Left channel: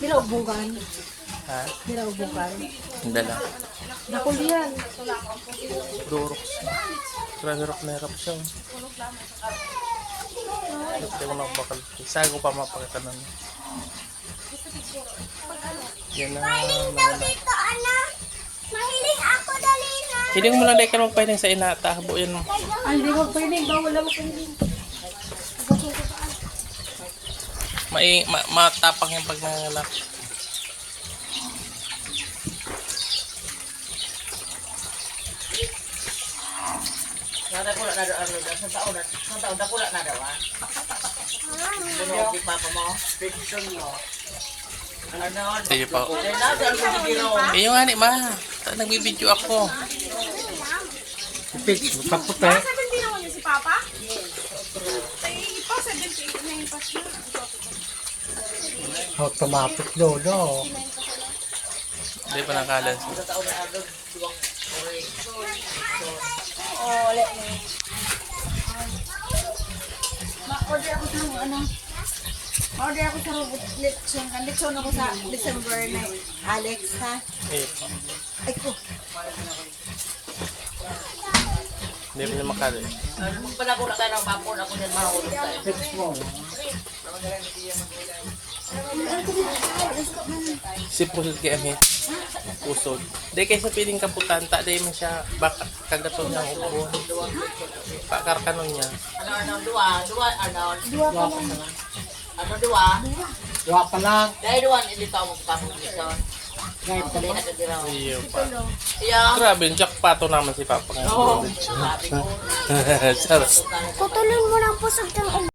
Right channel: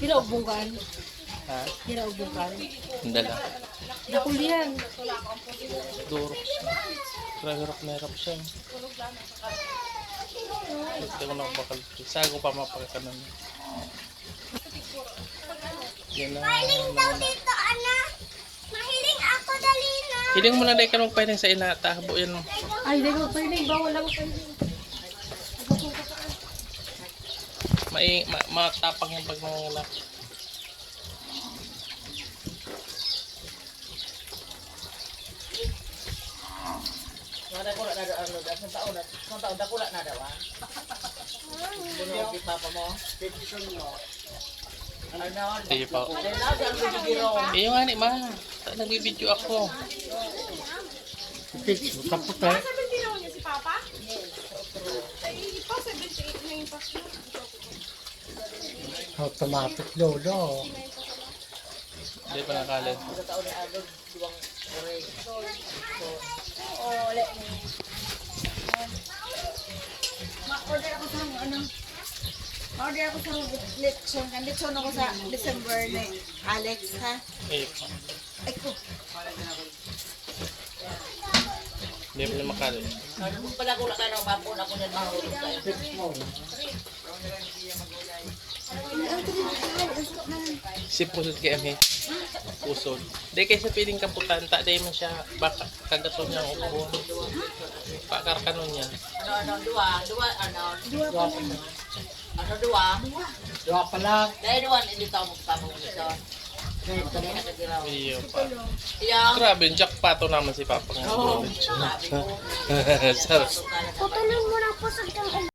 Hinaubukan. Ha? Hinaubukan. Ang dala. Nakulian. Durok siya. Hirap na hirap siya. Hindi ko na bakal. Sago pa mapakita nun. Yan na. Mahiling daw dito, anak. Mahiling ako dali na. Hiling mo lang ka magpahiling sa inata. Buuin mo. Ay, hindi ko piling. Bawal ako piling. Matapang yung pagnangalap. Nada ko na ano sa taon dako na daw ah. Ano di papa mo? Fiction mo. Ano? Sige po. Dela dal ko biro. Kayo nga ni ma. Nagbibideo ako. Fix, kaputi. 17 naman niya si Papa? Ay, pa 78 na yung pass na. Automatic lolo. Hindi pa nakalas. Sa taon na ano duwang ore. Oo, wala na. Ma-order ako sa ano. Ma-order ako sa lechon. Lechon ako sa December na Alex ha. Iya po. Ay ko. Hindi pa niya makali. Ano kung pala ko na tayo ng bapon ako diyan mahulog tayo. Fix mo. Si pusod kay Amit. Pusod. Di kaya siya piling kaputan. Tak day man siya. Baka kagaton ng ubo. Pakarkanon niya. Ano duwa ano ano duwa. Dua pa lang. Dahil duwan ilito mo pa mo dito. Dahil pa Dali lang. na kadiraw. Iyo pa. Iya. Grabe, jackpato naman si Papa. Oo. Sabi ko. Sarap. Putulin mo na po sa